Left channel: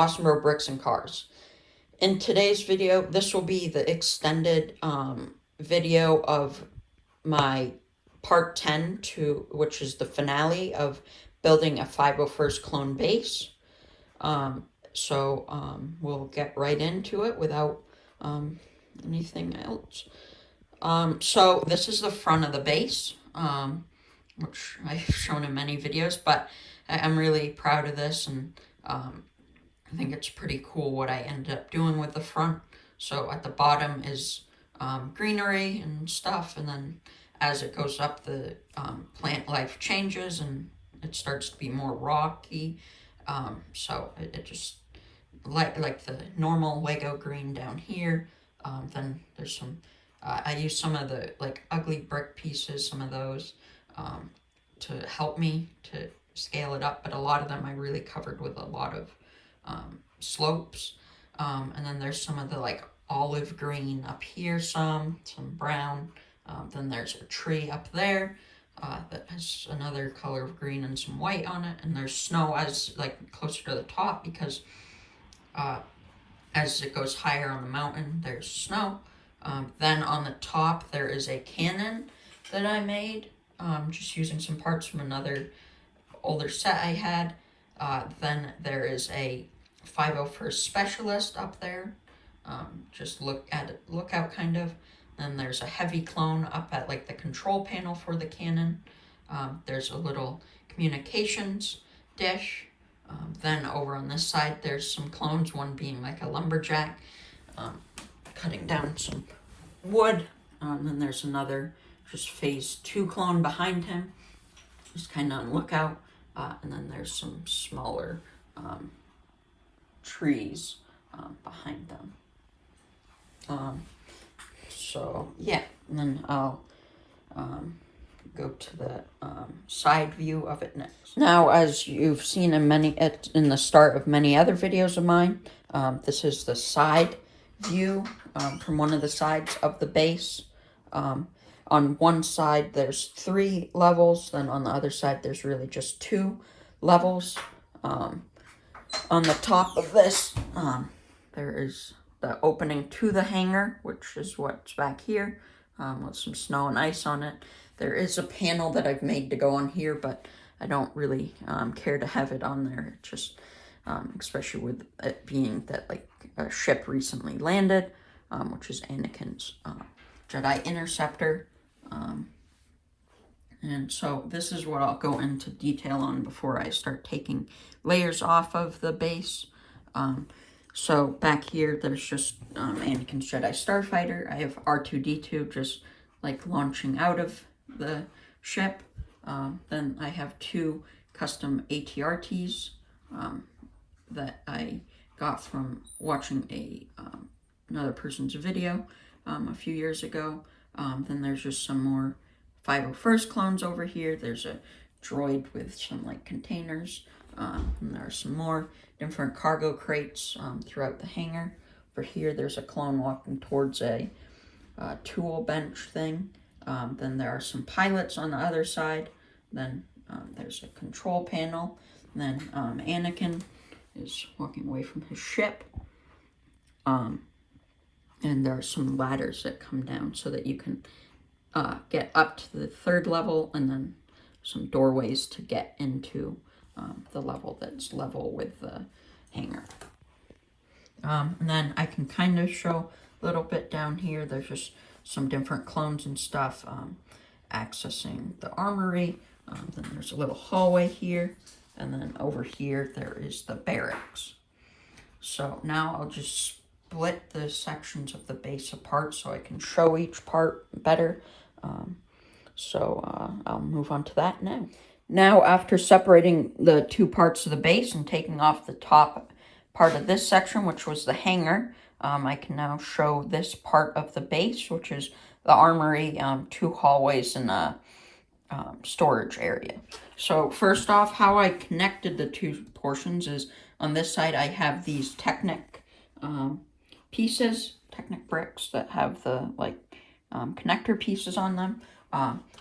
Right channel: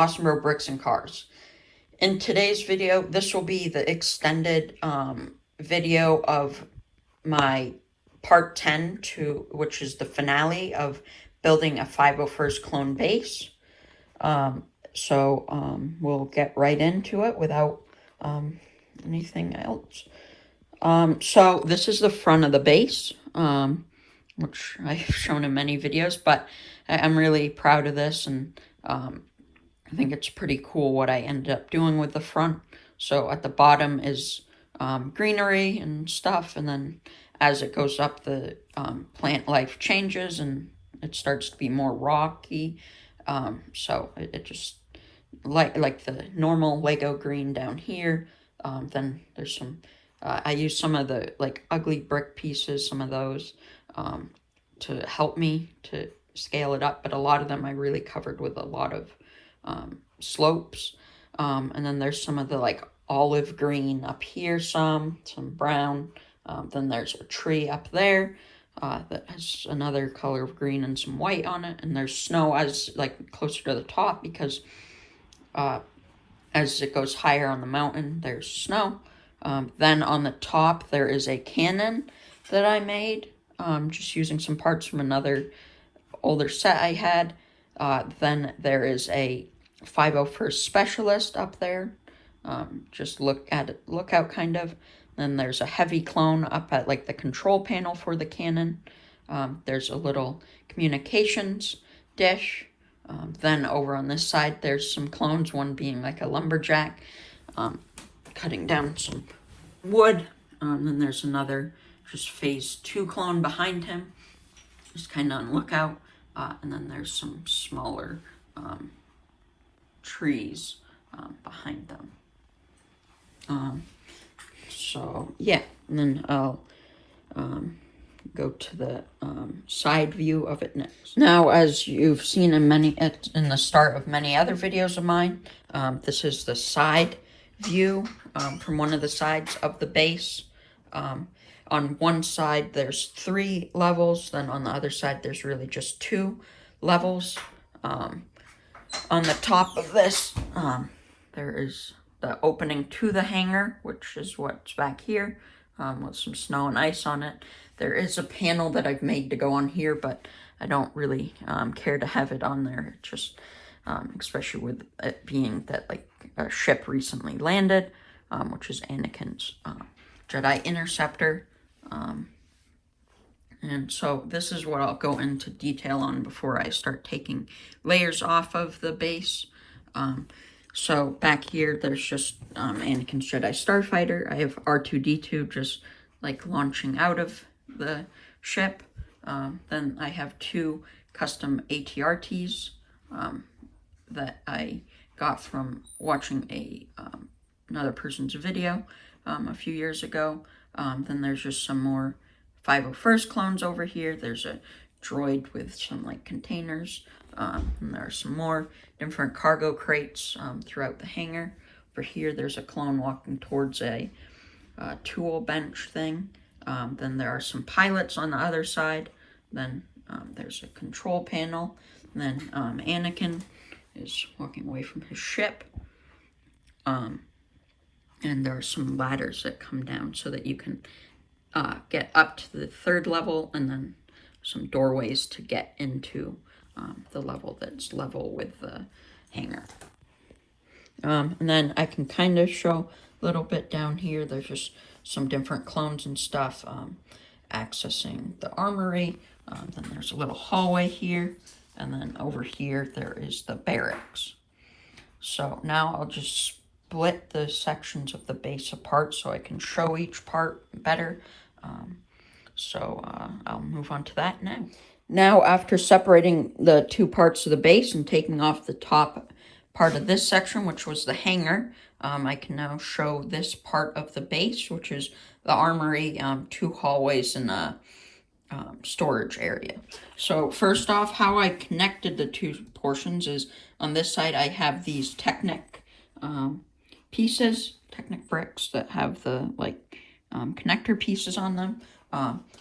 Awesomer Bricks and Cars. In today's video, this will be the extended video of my part 10 which is the finale of building a 501st clone base. We'll get right into it without anything else. So this is the front of the base, which I've shown in many videos, but I'm really proud of this, and I think it's pretty cool what I ended up doing with the front. So at the bottom is greenery and stuff, and then as it goes up, the plant life changes and it starts to be more rocky. So it just like the normal Lego green down here. Then there's some. I use some of the ugly brick pieces, some of those, to help me to scale it up. But a lot of them I really covered with a lot of slopes. And then there's some of the olive green up here, some brown. Then there's a tree up there that has another color of green and some white on it. And there's snow as closer to the top because as it goes higher on the mountain, there's snow. Then on the top, there is a cannon that I made, just using some parts from another older set I had. Then there is a 501st Specialist up there. Just look out kind of. Then there's a heavy clone up at the control panel for the cannon. There's a little communications dish. Then over on this side, there's some clones, one being a lumberjack, cutting down some wood. Then there's another just phase 2 clone behind him, just kind of on lookout. And then there's some smaller trees behind them. So yeah, and then I'll go to the side view of it next. Now, as you've seen in the start of many other videos of mine, this is the side view from one of the sides of the base. On one side there's 3 levels, then on the other side there's really just 2 levels. On the top of this, there is the opening to the hangar, which is what's back here, with some snow and ice on it. There is a panel that I've made to go on here, but I don't really care to have it on there. It just, especially with it being that a ship recently landed, which is Anakin's Jedi Interceptor. And so this is what I'll go into detail on before I start taking layers off of the base. So back here, there's just Anakin's Jedi Starfighter. I have R2-D2 just launching out of the ship. Then I have 2 custom ATRTs that I got from watching another person's video a few years ago. Then there's just some more 501st clones over here. There's a droid with some containers. And there are some more different cargo crates throughout the hangar. Over here, there's a clone walking towards a tool bench thing. Then there are some pilots on the other side. Then there's a control panel. And then Anakin is walking away from his ship. And there are some ladders that come down so that you can get up to the 3rd level, and then some doorways to get into the level that's level with the hangar. And then I can kind of show a little bit down here. There's just some different clones and stuff accessing the armory. Then there's a little hallway here, and then over here there is the barracks. So now I'll just split the sections of the base apart so I can show each part better. I'll move on to that now. Now, after separating the 2 parts of the base and taking off the top part of this section, which was the hangar, I can now show this part of the base, which is the armory, 2 hallways, and a storage area. So first off, how I connected the 2 portions is on this side I have these Technic pieces, Technic bricks that have the connector pieces on them.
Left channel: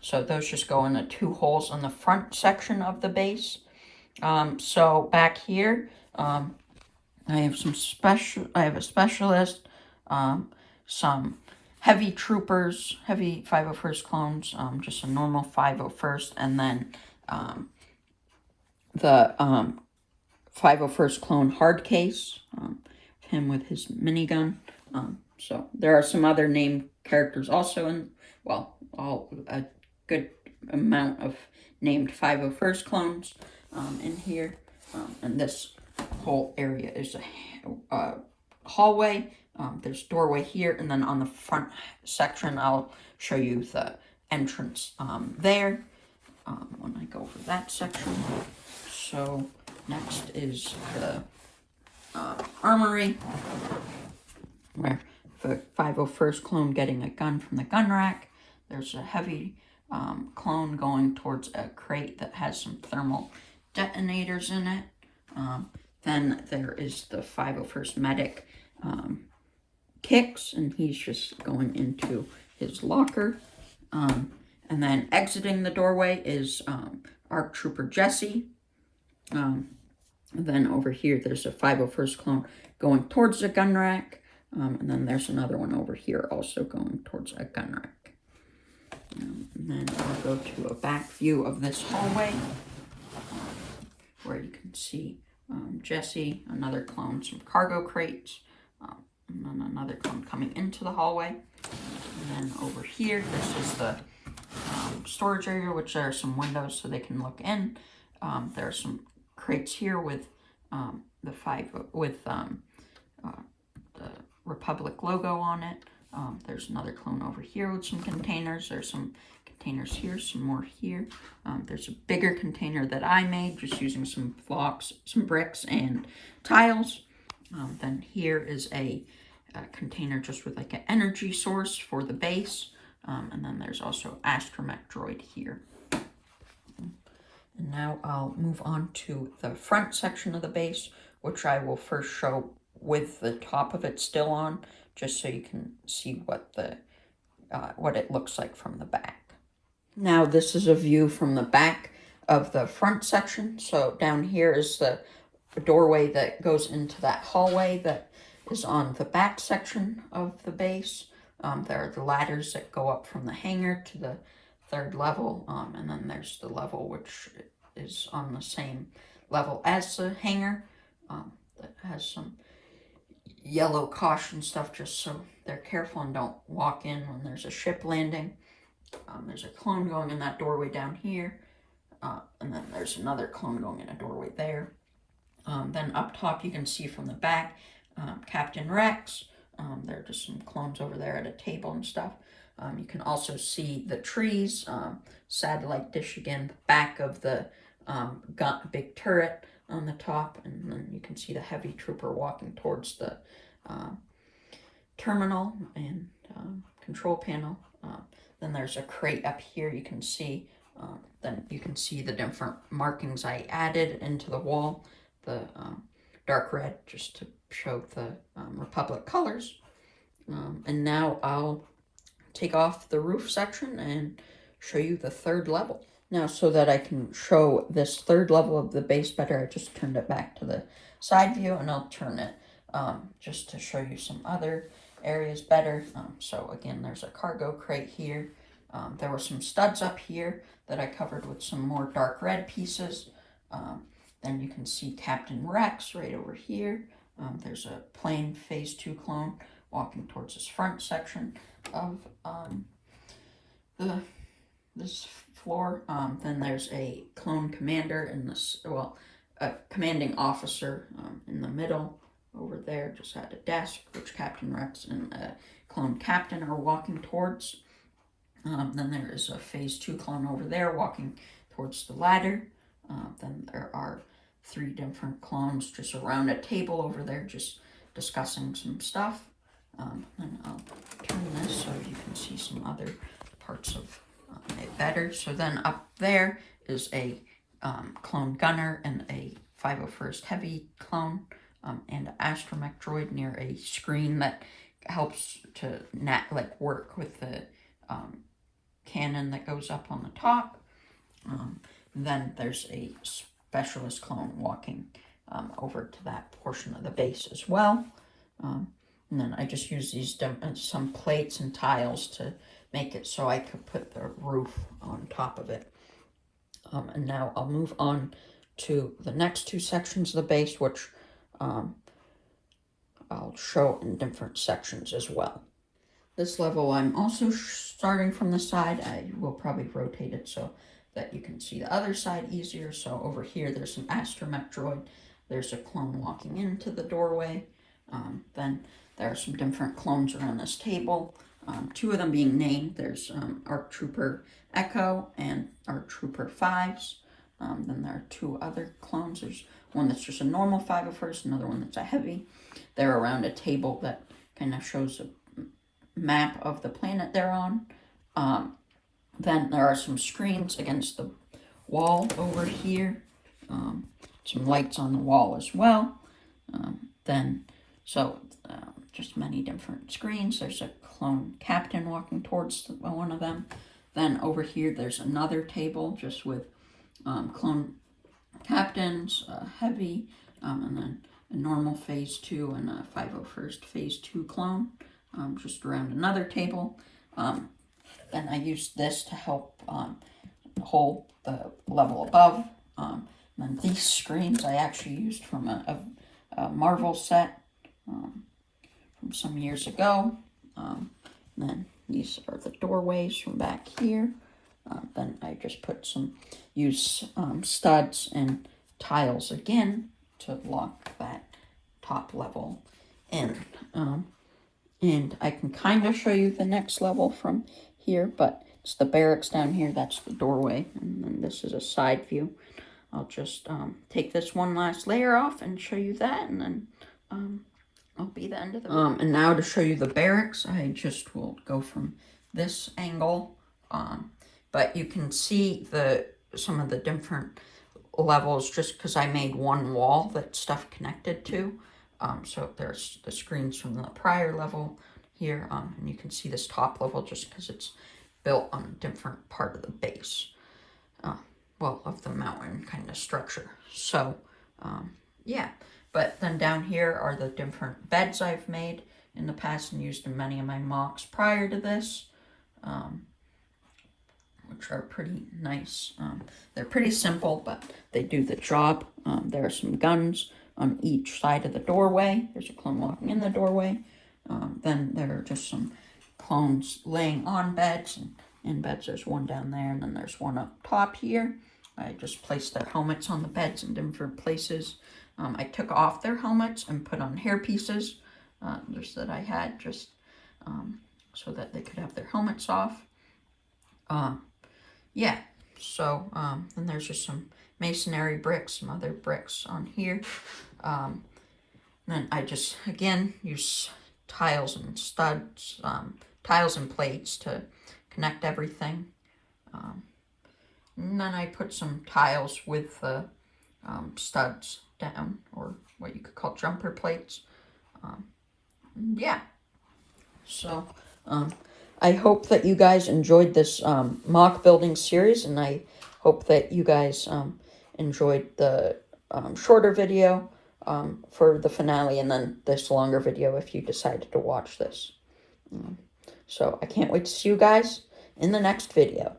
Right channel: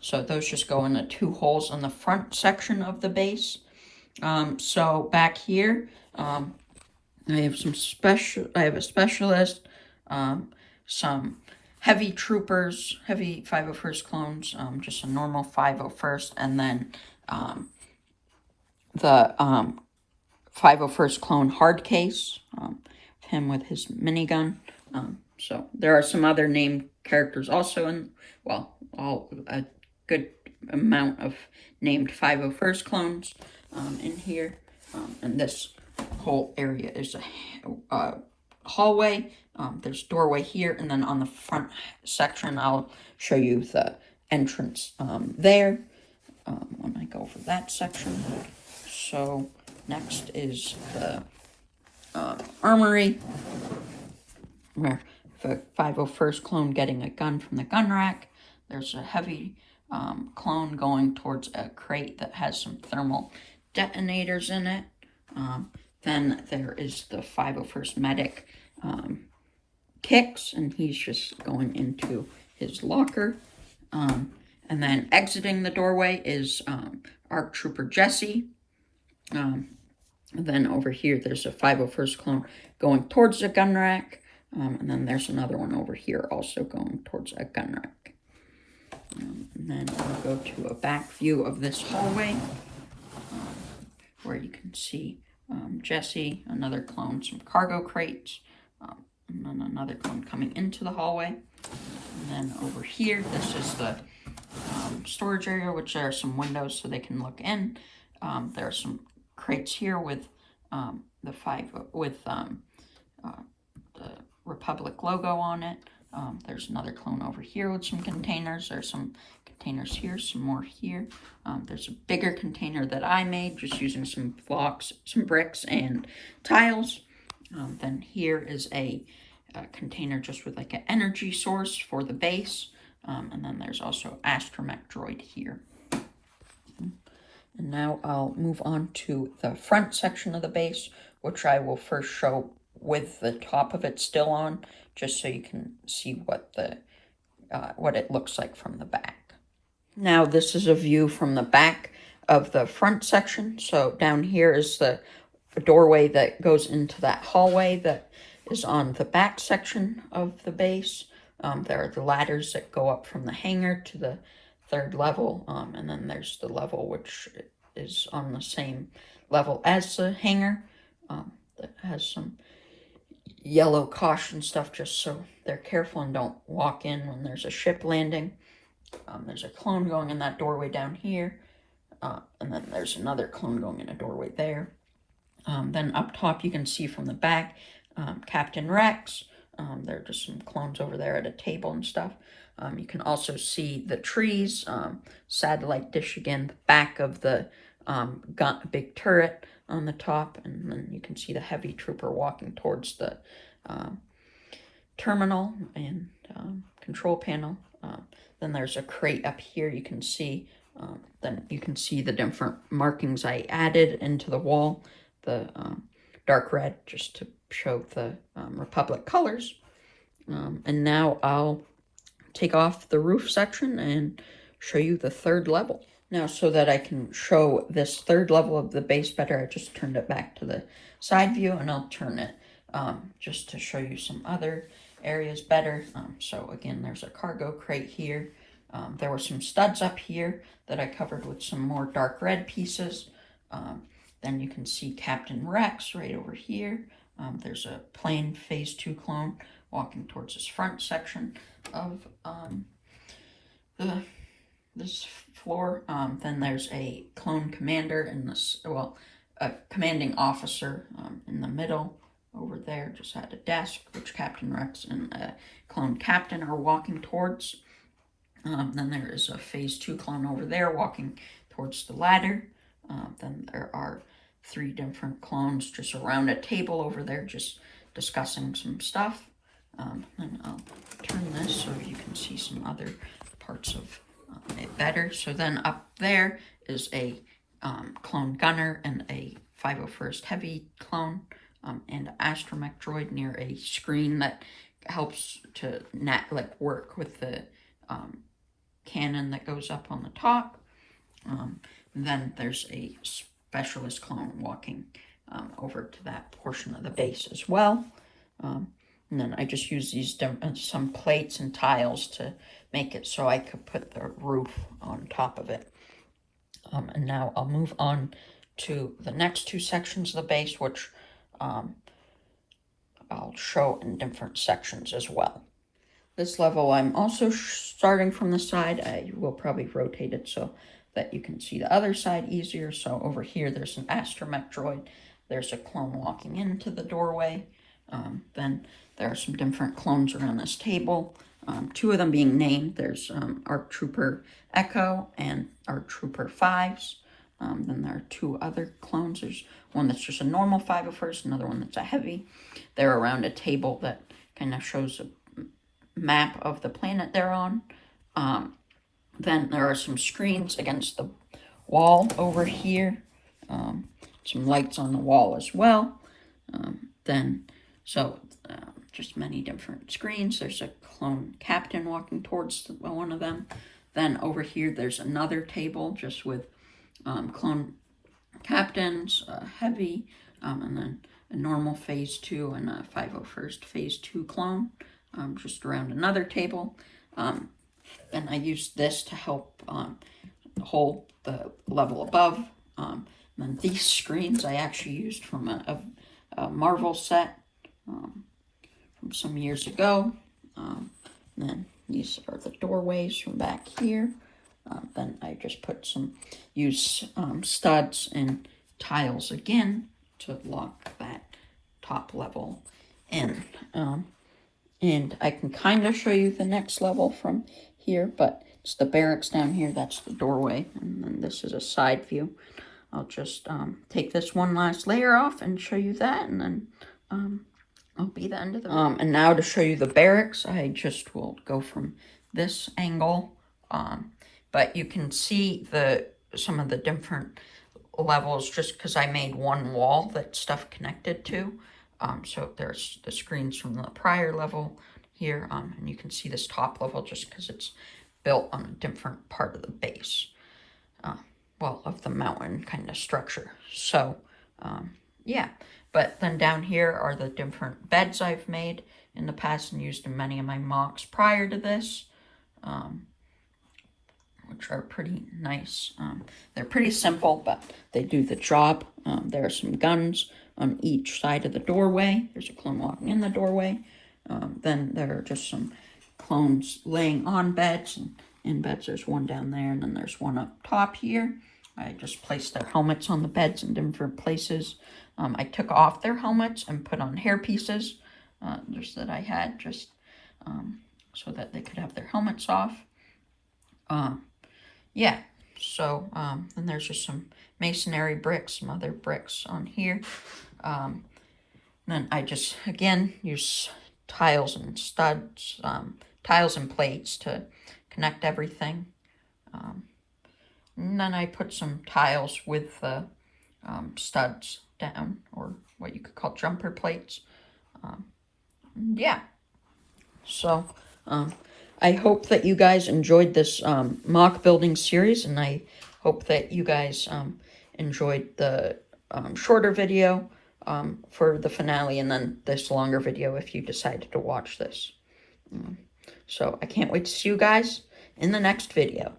So those just go in the 2 holes in the front section of the base. So back here, I have a specialist, some heavy troopers, heavy 501st clones, just a normal 501st, and then the 501st clone hard case, him with his minigun. So there are some other named characters also in, well, a good amount of named 501st clones in here. And this whole area is a hallway. There's a doorway here, and then on the front section, I'll show you the entrance there when I go over that section. So next is the armory, where the 501st clone getting a gun from the gun rack. There's a heavy clone going towards a crate that has some thermal detonators in it. Then there is the 501st medic Kix, and he's just going into his locker. And then exiting the doorway is ARC Trooper Jesse. Then over here, there's a 501st clone going towards the gun rack. And then there's another one over here also going towards a gun rack. And then I'll go to a back view of this hallway, where you can see Jesse, another clone, some cargo crates, and then another clone coming into the hallway. And then over here, this is the storage area, which there are some windows so they can look in. There are some crates here with the Republic logo on it. There's another clone over here with some containers. There's some containers here, some more here. There's a bigger container that I made just using some blocks, some bricks, and tiles. Then here is a container just with like an energy source for the base. And then there's also Astromech droid here. And now I'll move on to the front section of the base, which I will first show with the top of it still on, just so you can see what it looks like from the back. Now this is a view from the back of the front section. So down here is the doorway that goes into that hallway that is on the back section of the base. There are the ladders that go up from the hangar to the third level, and then there's the level which is on the same level as the hangar, that has some yellow caution stuff just so they're careful and don't walk in when there's a ship landing. There's a clone going in that doorway down here, and then there's another clone going in a doorway there. Then up top you can see from the back Captain Rex. There are just some clones over there at a table and stuff. You can also see the trees, satellite dish again, the back of the big turret on the top, and then you can see the heavy trooper walking towards the terminal and control panel. Then there's a crate up here you can see. Then you can see the different markings I added into the wall. The dark red just to show the Republic colors. And now I'll take off the roof section and show you the third level. Now, so that I can show this third level of the base better, I just turned it back to the side view, and I'll turn it just to show you some other areas better. So again, there's a cargo crate here. There were some studs up here that I covered with some more dark red pieces. Then you can see Captain Rex right over here. There's a plain Phase 2 clone walking towards this front section of this floor. Then there's a clone commander in this, well, a commanding officer in the middle over there, just at a desk, which Captain Rex and a clone captain are walking towards. Then there is a Phase 2 clone over there walking towards the ladder. Then there are 3 different clones just around a table over there, just discussing some stuff. And I'll turn this so you can see some other parts of it better. So then up there is a clone gunner and a 501st heavy clone, and an Astromech droid near a screen that helps to work with the cannon that goes up on the top. Then there's a specialist clone walking over to that portion of the base as well. And then I just use these some plates and tiles to make it so I could put the roof on top of it. And now I'll move on to the next two sections of the base, which I'll show in different sections as well. This level I'm also starting from the side. I will probably rotate it so that you can see the other side easier. So over here there's an astromech droid. There's a clone walking into the doorway. Then there are some different clones around this table. Two of them being named. There's ARC Trooper Echo and ARC Trooper 5s. Then there are two other clones. There's one that's just a normal 501st, another one that's a heavy. They're around a table that kind of shows a map of the planet they're on. Then there are some screens against the wall over here. Some lights on the wall as well. Just many different screens. There's a clone captain walking towards one of them. Then over here, there's another table just with clone captains, heavy, and then a normal phase 2 and a 501st phase 2 clone, just around another table. And I used this to help hold the level above. And then these screens I actually used from a Marvel set from some years ago. Then these are the doorways from back here. Then I just use studs and tiles again to lock that top level in. And I can kind of show you the next level from here, but it's the barracks down here. That's the doorway, and then this is a side view. I'll just take this one last layer off and show you that, and then I'll be the end of the and now to show you the barracks, I just will go from this angle. But you can see some of the different levels just because I made one wall that stuff connected to. So there's the screens from the prior level here, and you can see this top level just because it's built on a different part of the base. Of the mountain kind of structure. So, yeah. But then down here are the different beds I've made in the past and used in many of my mocks prior to this, which are pretty nice. They're pretty simple, but they do the job. There are some guns on each side of the doorway. There's a clone walking in the doorway. Then there are just some clones laying on beds. And in beds, there's one down there, and then there's one up top here. I just placed their helmets on the beds in different places. I took off their helmets and put on hair pieces, just that I had, just so that they could have their helmets off. Yeah, so then there's just some masonry bricks, some other bricks on here. Then I just, again, use tiles and studs, tiles and plates to connect everything. And then I put some tiles with the studs down, or what you could call jumper plates. Yeah. So, I hope that you guys enjoyed this mock building series, and I hope that you guys enjoyed the shorter video for the finale, and then this longer video if you decided to watch this. So I can't wait to see you guys in the next video.